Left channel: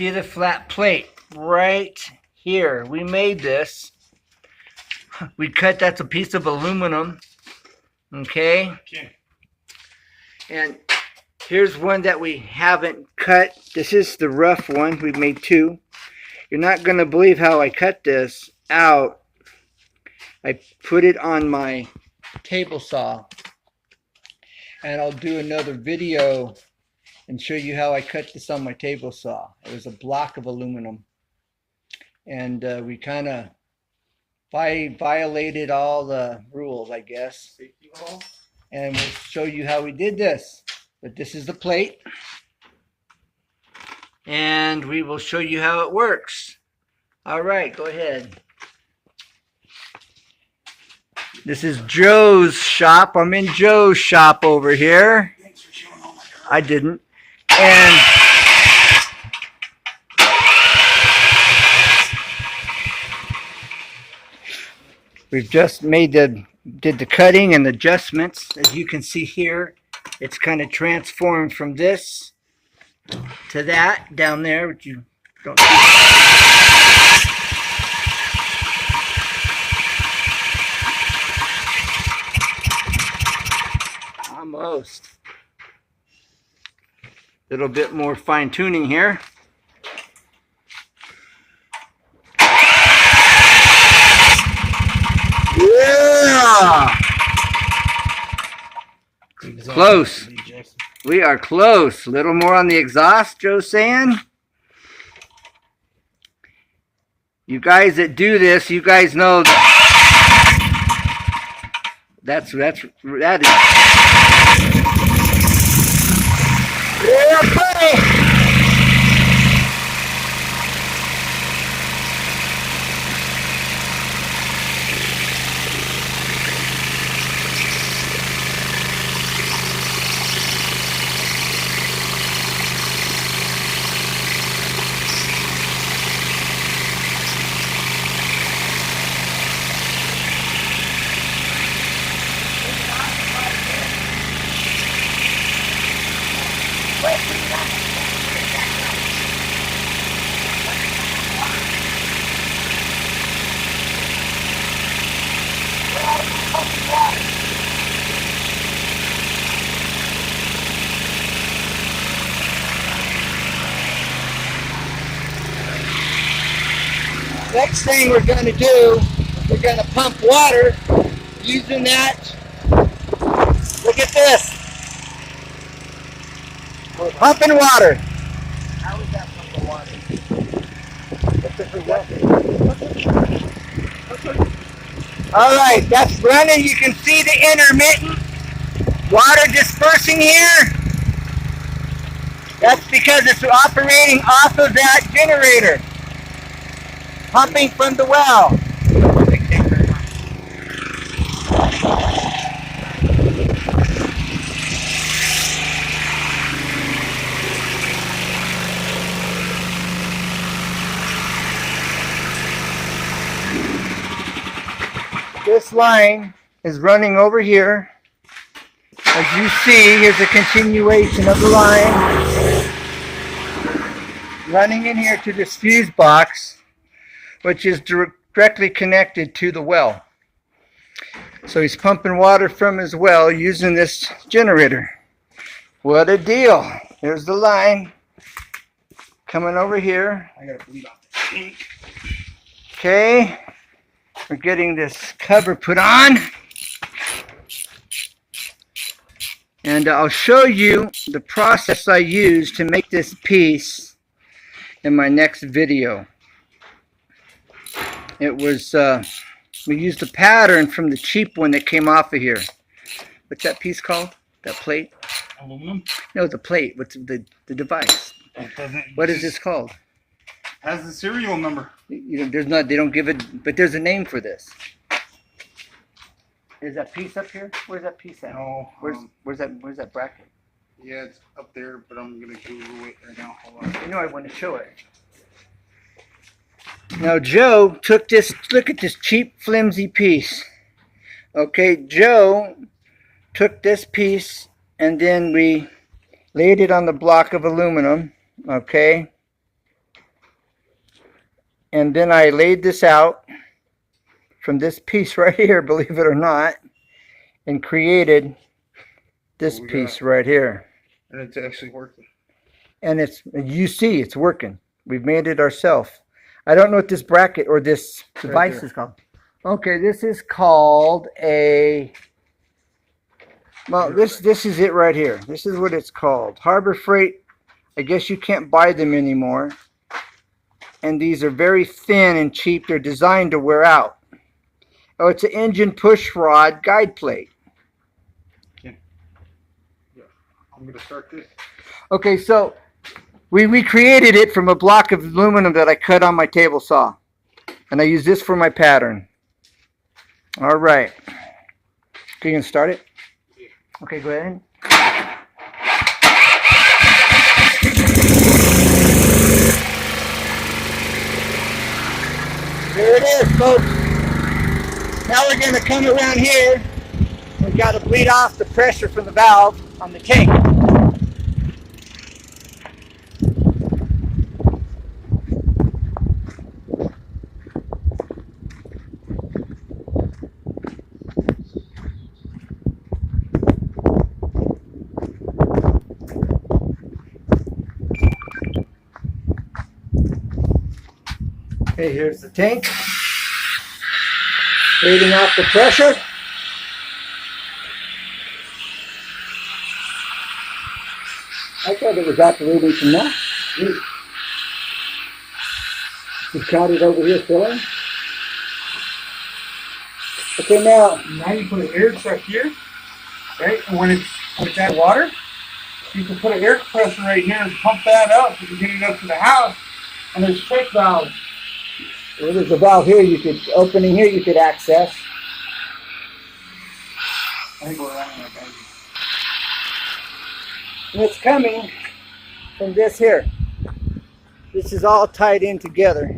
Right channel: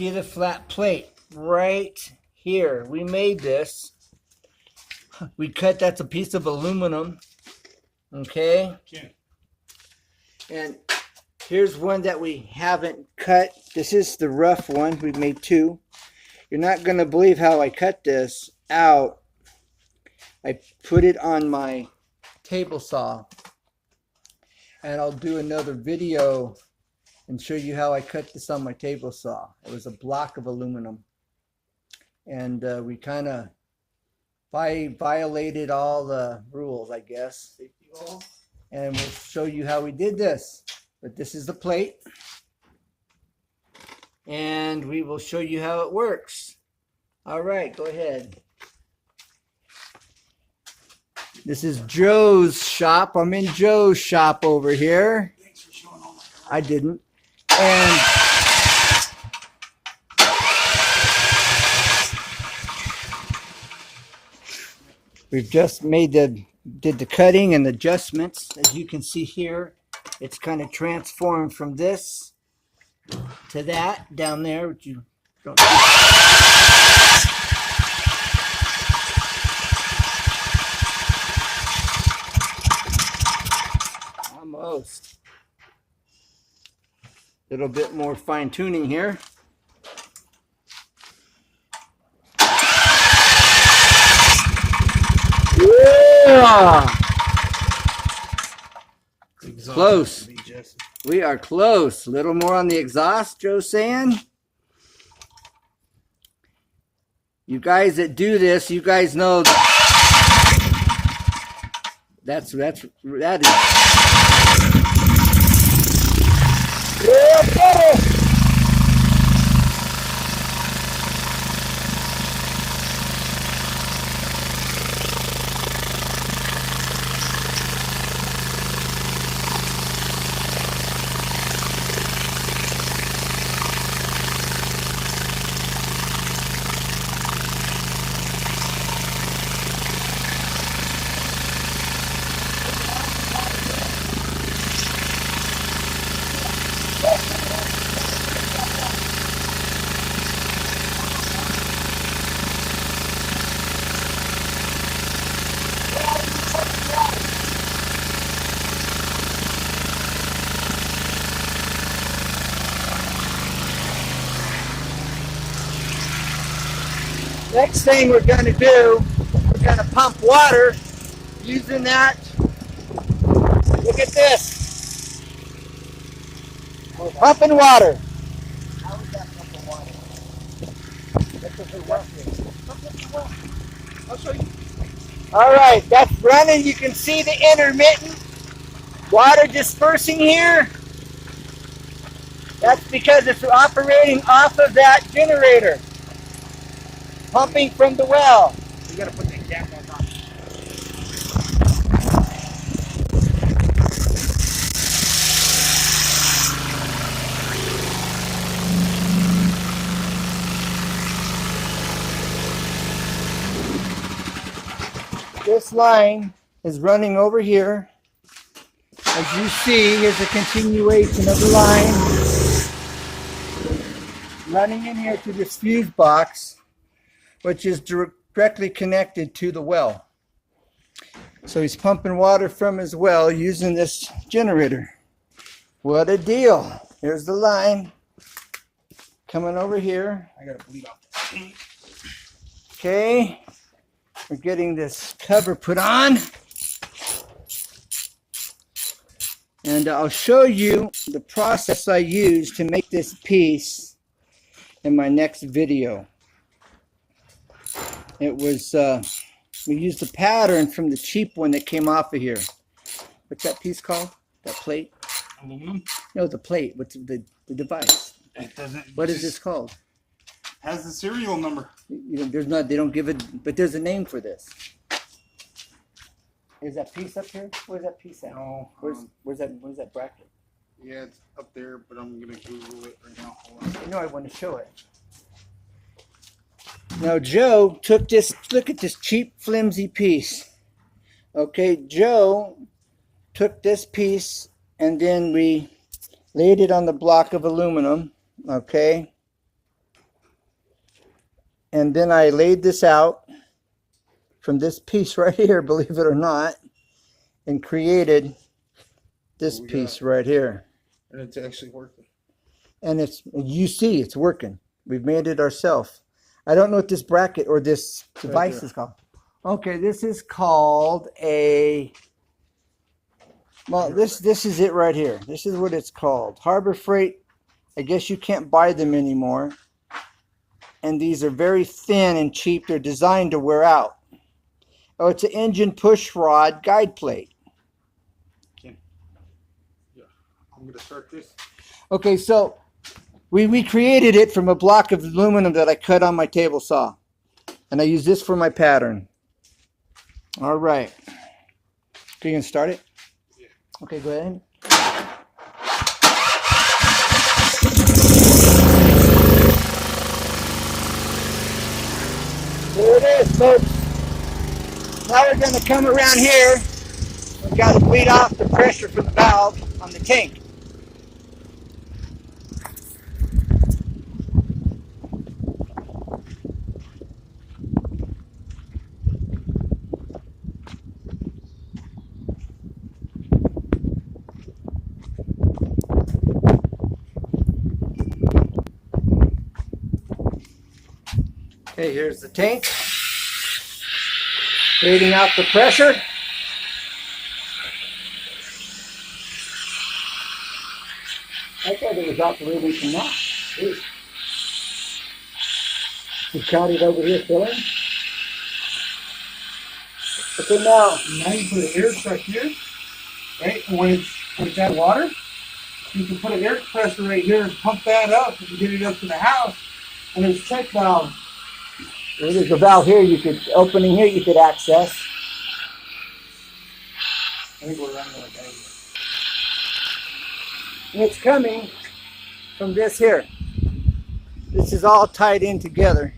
See the flat plate right here. We made this. We cut, that's a piece of aluminum. Okay? And here's one that we haven't cut. This is the rough one. We've made two. You're not going to believe how I cut this out. I put it on my table saw. And I'll do another video and show you how I cut this on my table saw. It was a block of aluminum. And we kind of violated all the rules, I guess. And we'll show you how we did this. But this is the plate. And we will show you how it works. All right, go ahead. This is Joe's shop. I'm in Joe's shop over here. Thanks for showing all my cards. I didn't. And we've just did the cutting and adjustments. As you can see here, it's kind of transformed from this to that down there, which you don't see. Almost. A little bit more fine tuning here. Yeah. Close. We are close. A little more on the exhaust, Joe's saying. You guys that do this, you guys know that is. Yeah, buddy. Next thing we're going to do, we're going to pump water using that. Look at this. We're pumping water. How is that pumping water? Alright, that's running. You can see the intermittent water dispersing here. That's because it's operating off of that generator. Pumping from the well. This line is running over here. As you see, here's a continuation of the line. Running in here to this fuse box, which is directly connected to the well. So he's pumping water from his well using this generator. What a deal. There's the line coming over here. I gotta bleed off the tank. Okay, we're getting this cover put on. And I'll show you the process I used to make this piece in my next video. It was, we used a pattern from the cheap one that came off of here. What's that piece called? That plate? Aluminum? No, the plate. What's the device? What is this called? Has the serial number. There's not, they don't give it, but there's a name for this. Is that piece up here? Where's that piece at? No. Where's that bracket? Yeah, it's up there, but I'm gonna Google it right now. Hold on. I know I want to show it. Now Joe took this, look at this cheap flimsy piece. Okay, Joe took this piece and then we laid it on the block of aluminum, okay? And then I laid this out from this piece right here, believe it or not, and created this piece right here. And it's actually working. And it's, you see, it's working. We've made it ourselves. I don't know what this bracket or this device is called. Okay, this is called a, well, this is it right here. This is what it's called. Harbor Freight. I guess you can't buy them anymore. And these are very thin and cheap. They're designed to wear out. Oh, it's an engine push rod guide plate. Yeah. I'm gonna start this. Okay, so we created it from a block of aluminum that I cut on my table saw. And I use this for my pattern. All right. Okay, you can start it? Yeah. Okay, go ahead. There it is, folks. Now we're going to come around here. We've got to clean off the pressure from the valve on the tank. Okay, here's the tank. Cleaning off the pressure. I thought it was operating from that. Just got it over here filling. Okay, now You put an air pressure here, right? And when it's at water, you can put an air compressor right here and pump that up and get it up to the house. And there's check valves. well, there's a valve here you could, opening here you could access. I think we're running out of energy. And it's coming from this here. This is all tied in together.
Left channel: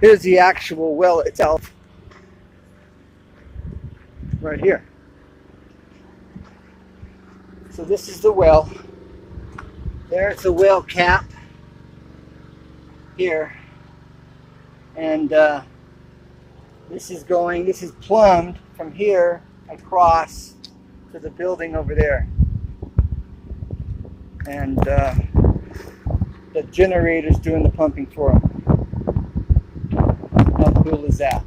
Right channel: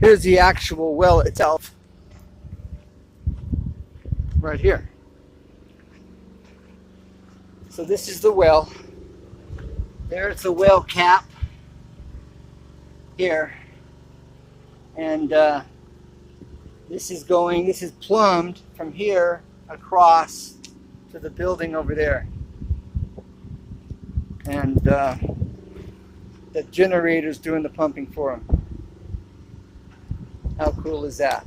Here's the actual well itself. Right here. So this is the well. There's the well cap. Here. And this is plumbed from here across to the building over there. And the generator's doing the pumping for them. How cool is that?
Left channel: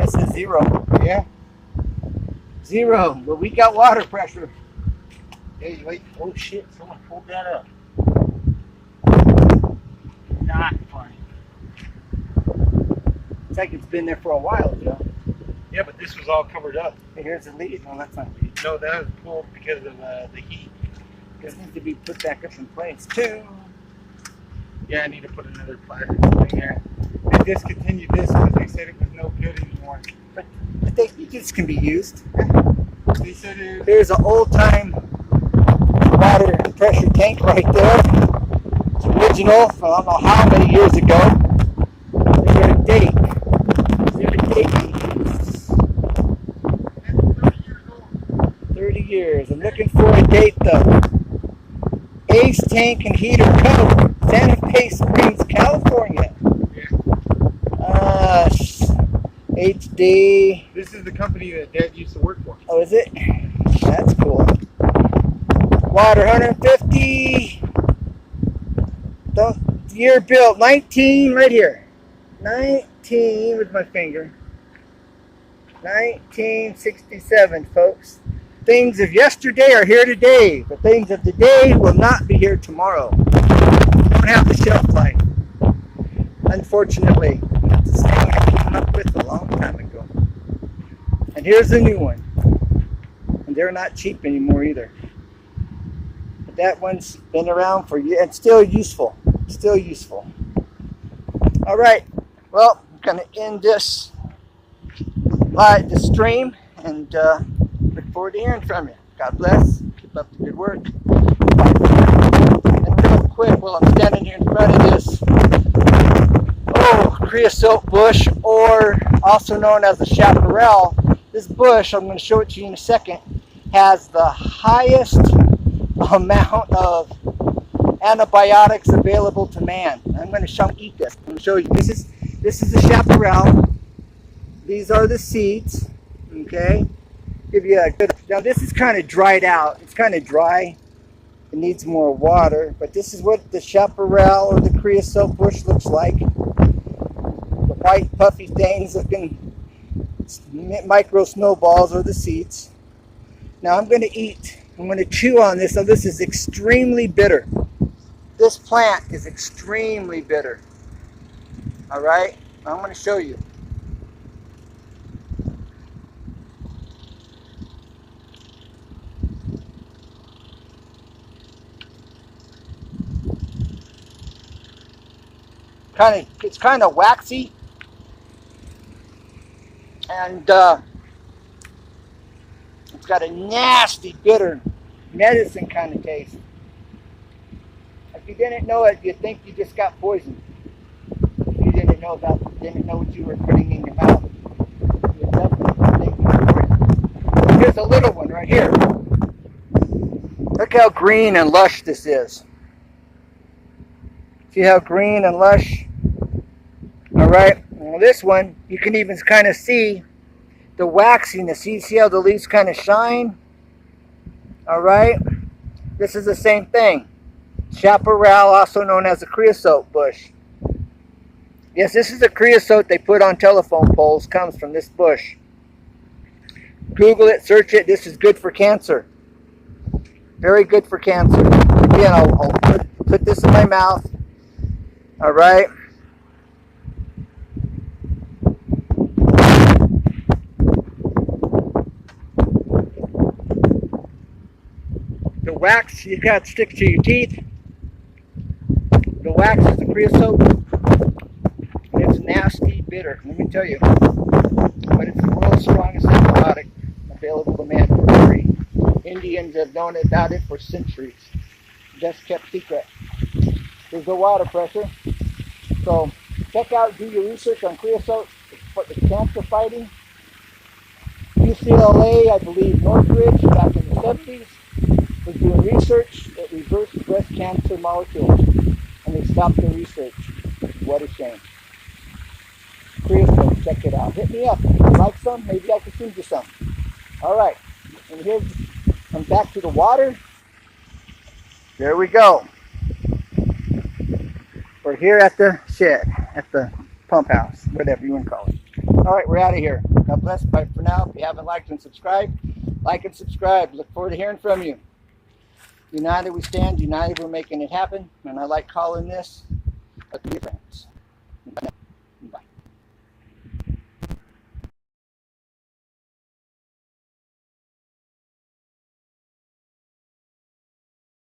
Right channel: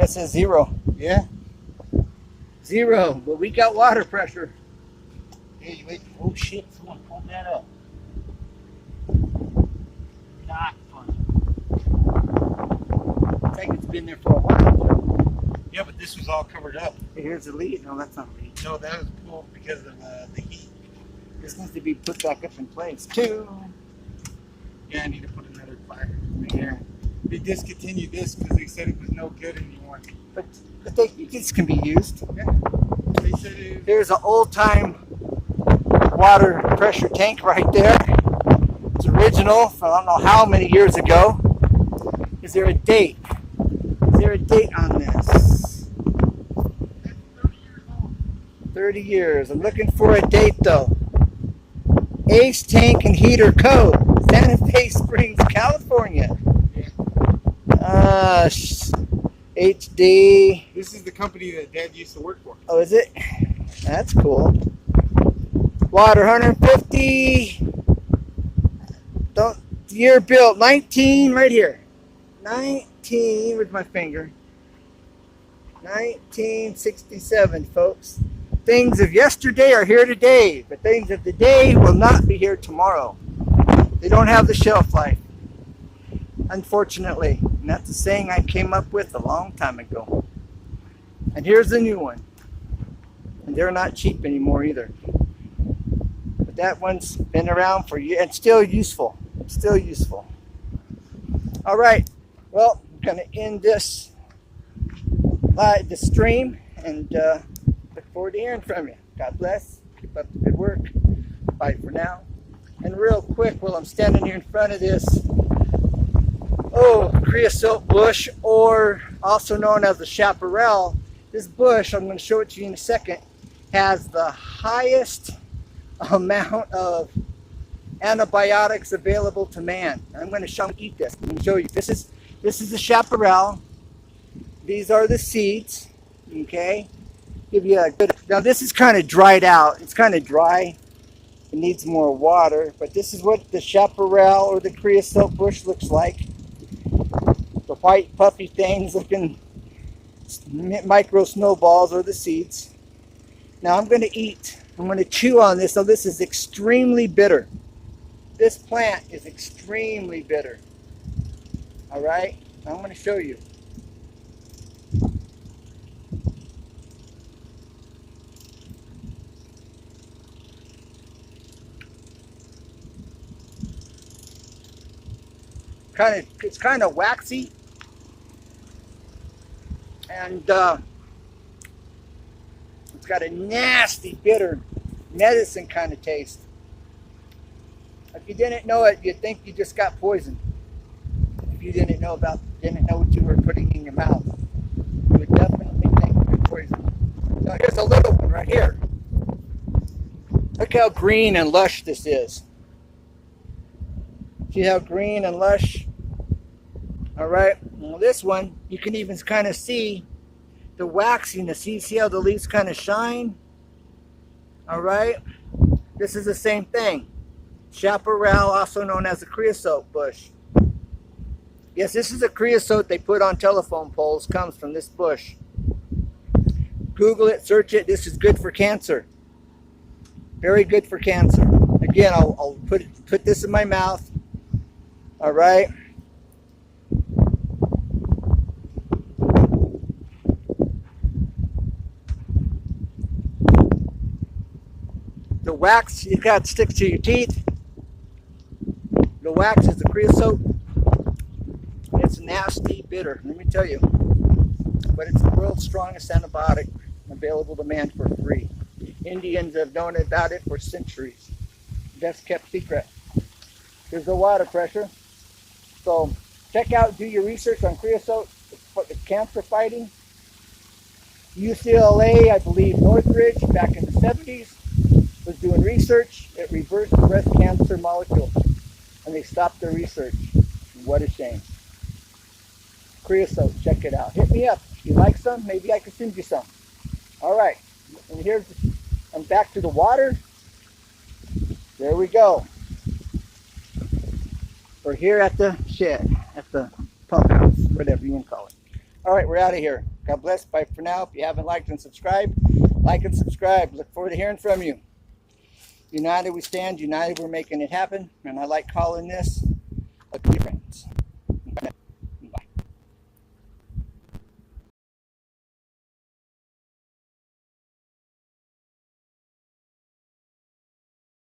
This is zero. Yeah. Zero. But we got water pressure. Hey, wait. Oh shit! Someone pulled that up. Not fun. Looks like it's been there for a while, Joe. Yeah, but this was all covered up. Hey, here's the lead. No, that's not. No, that was pulled because of the heat. This needs to be put back up in place too. Yeah, I need to put another plier in here. They discontinued this because they said it was no good anymore. But I think this can be used. They said it was. There's an old-time water pressure tank right there. It's original from I don't know how many years ago. Is there a date? Is there a date on this? 30 years. I'm looking for a date though. Ace Tank and Heater Code, Santa Fe Springs, California. HD. This is the company that Dad used to work for. Oh, is it? That's cool. Water 150. Don't, year built 19 right here. 19 with my finger. 1967, folks. Things of yesterday are here today. The things of today will not be here tomorrow. They don't have the shelf life. Unfortunately. And that's the saying I came up with a long time ago. And here's a new one. And they're not cheap anymore either. That one's been around for years and still useful. Still useful. Alright. Well, I'm going to end this live stream and look forward to hearing from you. God bless. Keep up the good work. Bye for now. And real quick, while I'm standing here in front of this creosote bush, or also known as the chaparral, this bush, I'm going to show it to you in a second, has the highest amount of antibiotics available to man. I'm going to keep this. I'm going to show you. This is the chaparral. These are the seeds. Okay. Give you a good. Now this is kind of dried out. It's kind of dry. It needs more water. But this is what the chaparral or the creosote bush looks like. White puffy things looking micro snowballs are the seeds. Now I'm going to chew on this. Now this is extremely bitter. This plant is extremely bitter. All right, I'm going to show you. It's kind of waxy, and it's got a nasty, bitter medicine kind of taste. If you didn't know it, you'd think you just got poisoned. If you didn't know what you were putting in your mouth. Here's a little one right here. Look how green and lush this is. See how green and lush? All right. Now this one, you can even kind of see the waxiness. See how the leaves kind of shine? All right. This is the same thing. Chaparral, also known as the creosote bush. Yes, this is the creosote they put on telephone poles, comes from this bush. Google it, search it. This is good for cancer. Very good for cancer. Again, I'll put this in my mouth. All right. The wax, you got sticks to your teeth. The wax is the creosote. It's nasty, bitter, let me tell you. But it's the world's strongest antibiotic available to man. Indians have known about it for centuries. Just kept secret. There's no water pressure. So check out and do your research on creosote for cancer fighting. UCLA, I believe, Northridge, back in the 50s, was doing research that reversed the breast cancer molecules, and they stopped the research. What a shame. Creosote, check it out. Hit me up. If you like some, maybe I can feed you some. All right. And here, come back to the water. There we go. We're here at the shed, at the pump house, whatever you want to call it. All right, we're out of here. God bless. Bye for now. If you haven't liked and subscribed, like and subscribe. Look forward to hearing from you. United we stand. United we're making it happen. And I like calling this